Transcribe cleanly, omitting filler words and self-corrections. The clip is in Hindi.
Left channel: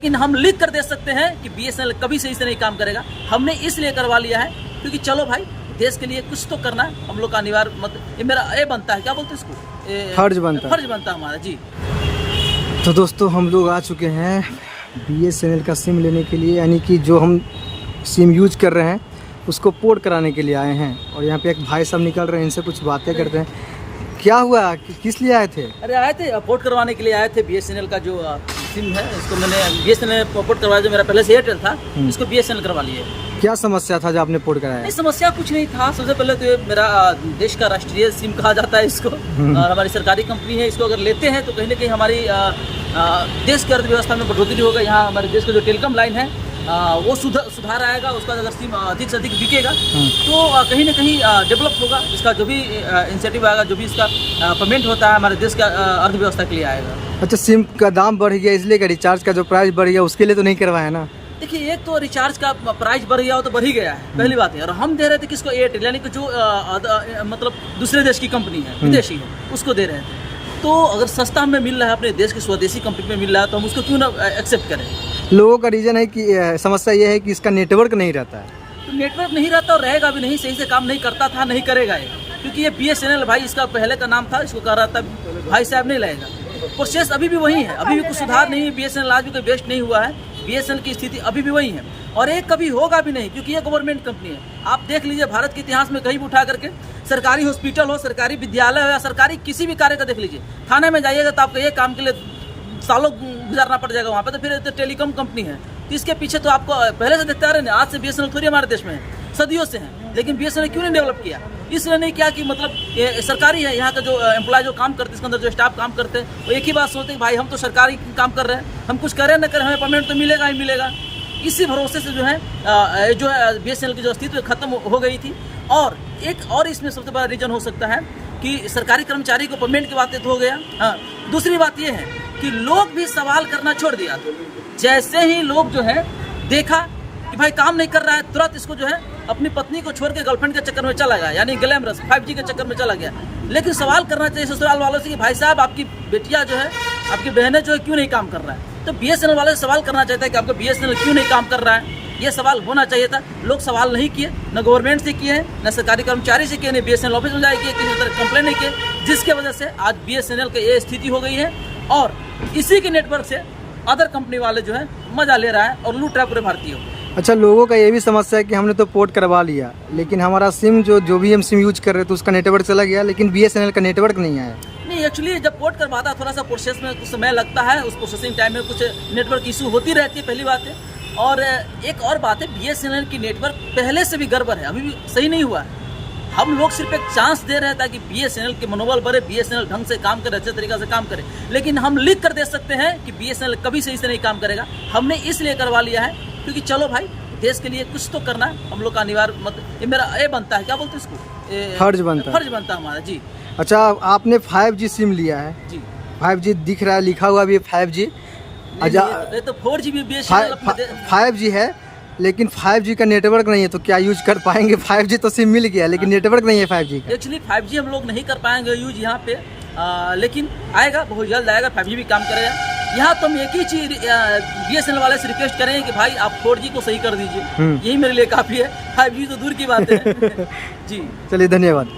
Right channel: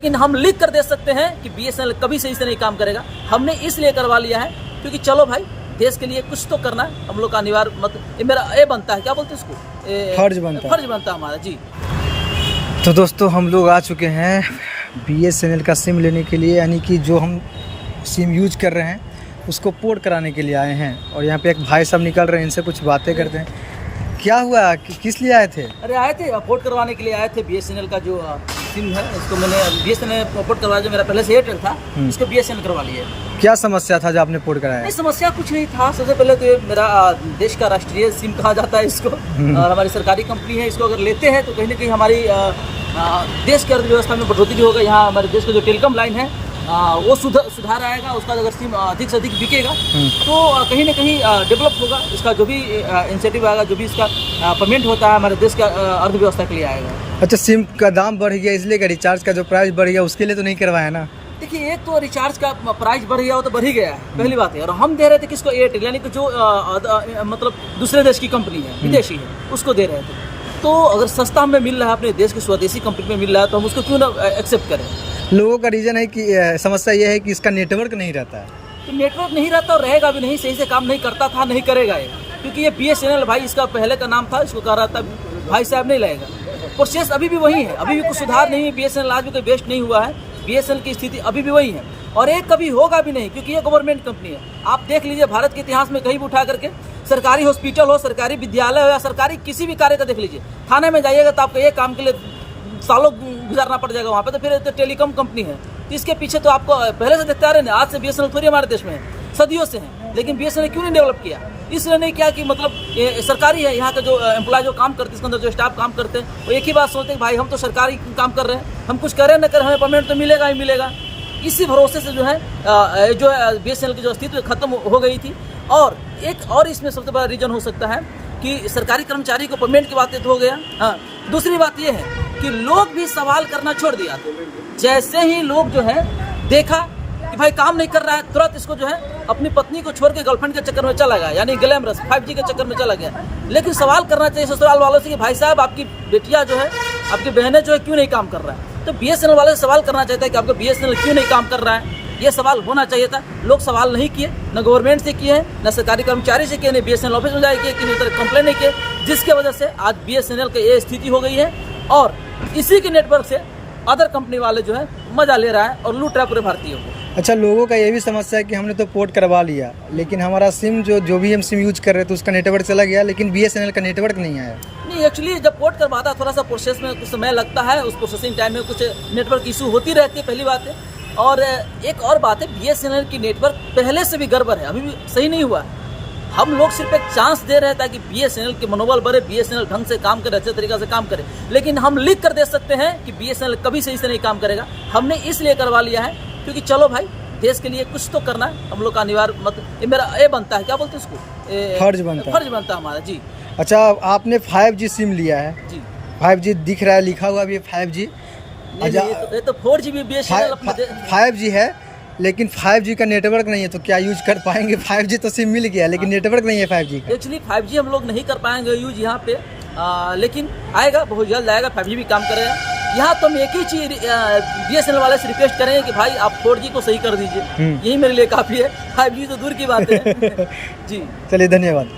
लेकिन हम लिख कर दे सकते हैं कि बीएसएनएल कभी सही से नहीं काम करेगा। हमने इसलिए करवा लिया है क्योंकि चलो भाई देश के लिए कुछ तो करना है, हम लोग का अनिवार्य ये मेरा ये बनता है, क्या बोलते हैं इसको, फर्ज बनता है हमारा जी। तो दोस्तों हम लोग आ चुके हैं बीएसएनएल का सिम लेने के लिए, यानी कि जो हम सिम यूज कर रहे हैं उसको पोर्ट कराने के लिए आए हैं। और यहाँ पे एक भाई साहब निकल रहे हैं, इनसे कुछ बातें करते हैं। क्या हुआ, किस लिए आए थे? अरे आए थे पोर्ट करवाने के लिए आए थे। बीएसएनएल का जो सिम है इसको मैंने बीएसएनएल पोर्ट करवाया, जो मेरा पहले से एयरटेल था इसको बीएसएनएल करवा लिया। क्या समस्या था जो आपने पोर्ट कराया? समस्या कुछ नहीं था। सबसे पहले तो मेरा देश का राष्ट्रीय सिम कहा जाता है इसको, और हमारी सरकारी कंपनी है। इसको अगर लेते हैं तो कहीं ना कहीं हमारी देश की अर्थव्यवस्था में बढ़ोतरी होगा। यहाँ हमारे देश का जो टेलीकॉम लाइन है वो सुधार आएगा। उसका अगर सिम अधिक से अधिक बिकेगा तो कहीं ना कहीं डेवलप होगा। इसका जो भी इंसेंटिव आएगा, जो भी इसका पेमेंट होता है हमारे देश का अर्थव्यवस्था के लिए आएगा। अच्छा, सिम का दाम बढ़ गया इसलिए, रिचार्ज का जो प्राइस बढ़ गया उसके लिए तो नहीं करवाया ना? देखिए, एक तो रिचार्ज का प्राइस बढ़ गया, वो तो बढ़ ही गया है, पहली बात है। और हम दे रहे थे किसको, एयरटेल, यानी कि जो मतलब दूसरे देश की कंपनी है, विदेशी है, उसको दे रहे थे। तो अगर सस्ता हमें मिल रहा है, अपने देश की स्वदेशी कंपनी में मिल रहा है, तो हम उसको क्यों ना एक्सेप्ट करें। लोगों का रीजन है कि समस्या ये है कि इसका नेटवर्क नहीं रहता है। तो नेटवर्क नहीं रहता और रहेगा भी नहीं, सही से काम नहीं करता था, नहीं करेगा ये, क्योंकि ये बीएसएनएल भाई इसका पहले का नाम था, इसको कहा रहा था भाई साहब नहीं लगेगा। प्रोसेस अभी भी वही है, अभी भी कुछ सुधार नहीं है। बीएसएनएल आज भी कोई बेस्ट नहीं हुआ है। बीएसएनएल की स्थिति अभी भी वही है और एक कभी होगा भी नहीं, क्योंकि ये गवर्नमेंट कंपनी है। आप देख लीजिए भारत के इतिहास में कहीं भी उठा करके, सरकारी हॉस्पिटल हो, सरकारी विद्यालय हो या सरकारी किसी भी कार्य का देख लीजिए, थाने में जाइएगा तो आपको ये काम के लिए सालों गुजारना पड़ जाएगा वहाँ पे। तो फिर तो टेलीकॉम कंपनी है, इसके पीछे तो आपको पहले से देखते आ रहे हैं। आज से बीएसएनएल थोड़ी हमारे देश में है, सदियों से है। लेकिन बीएसएनएल क्यों नहीं डेवलप किया? इसलिए नहीं किया कि मतलब ये सरकारी है। यहाँ का जो एम्प्लॉय जो काम करते हैं, इसके अंदर जो स्टाफ काम करते हैं, वो एक ही बात सोचते हैं, भाई हम तो सरकारी काम कर रहे हैं, हम कुछ करें न करें हमें पेमेंट तो मिलेगा ही मिलेगा। इसी भरोसे से जो है बीएसएनएल की जो अस्तित्व खत्म हो गई थी। और एक और इसमें सबसे बड़ा रीजन हो सकता है कि सरकारी कर्मचारी को पेमेंट की बातें तो हो गया। हाँ, दूसरी बात यह है कि लोग भी सवाल करना छोड़ दिया। जैसे ही लोग जो है देखा कि भाई काम नहीं कर रहा है, तुरंत इसको जो है अपनी पत्नी को छोड़ के गर्लफ्रेंड के चक्कर में चला गया, यानी ग्लैमरस 5G के चक्कर में चला गया। लेकिन सवाल करना चाहिए ससुराल वालों से कि भाई साहब आपकी बेटियां जो है, आपकी बहनें जो है क्यों नहीं काम कर रहा है। तो बीएसएनएल वाले से सवाल करना चाहता है कि आपका बीएसएनएल क्यों नहीं काम कर रहा है। ये सवाल होना चाहिए था। लोग सवाल नहीं किए, न गवर्नमेंट से किए, न सरकारी कर्मचारी से किए, न बीएसएनएल ऑफिस में जाके किसी तरह कंप्लेन नहीं किए, जिसकी वजह से आज बीएसएनएल की ये स्थिति हो गई है। और इसी के नेटवर्क से अदर कंपनी वाले जो है मजा ले रहा है और लूट रहा है पूरे भारतीयों को। अच्छा, लोगों का ये भी समस्या है कि हमने तो पोर्ट करवा लिया, लेकिन हमारा सिम जो भी हम सिम यूज कर रहे थे उसका नेटवर्क चला गया, लेकिन बीएसएनएल का नेटवर्क नहीं आया। नहीं, एक्चुअली जब पोर्ट करवाता थोड़ा सा प्रोसेस में कुछ समय लगता है, उस प्रोसेसिंग टाइम में कुछ नेटवर्क इशू होती रहती है, पहली बात है। और एक और बात है, बीएसएनएल की नेटवर्क पहले से भी गड़बड़ है, अभी भी सही नहीं हुआ है। हम लोग सिर्फ एक चांस दे रहे थे कि बीएसएनएल के मनोबल बढ़े, बीएसएनएल ढंग से काम करे, अच्छे तरीके से काम करे। लेकिन हम लिख कर दे सकते हैं कि बीएसएनएल कभी सही से नहीं काम करेगा। हमने इसलिए करवा लिया है क्योंकि चलो भाई देश के लिए कुछ तो करना है, हम लोग का अनिवार्य ये मेरा ये बनता है, क्या बोलते हैं इसको, फर्ज बनता है हमारा जी। अच्छा, आपने 5G सिम लिया है जी। 5G दिख रहा है, लिखा हुआ भी 5G। ये तो 4G भी बीएसएनएल 5G है, लेकिन 5G का नेटवर्क नहीं है, तो क्या यूज कर पाएंगे? 5G तो सिम मिल गया, लेकिन नेटवर्क नहीं है 5G का। एक्चुअली 5G हम लोग नहीं कर पाएंगे यूज यहाँ पे, लेकिन आएगा, बहुत जल्द आएगा, 5G भी काम करेगा। यहाँ तो हम एक ही चीज बीएसएनएल वाले से रिक्वेस्ट करेंगे कि भाई आप 4G को सही कर दीजिए, यही मेरे लिए काफी है। 5G तो दूर की बात है। जी, चलिए, धन्यवाद।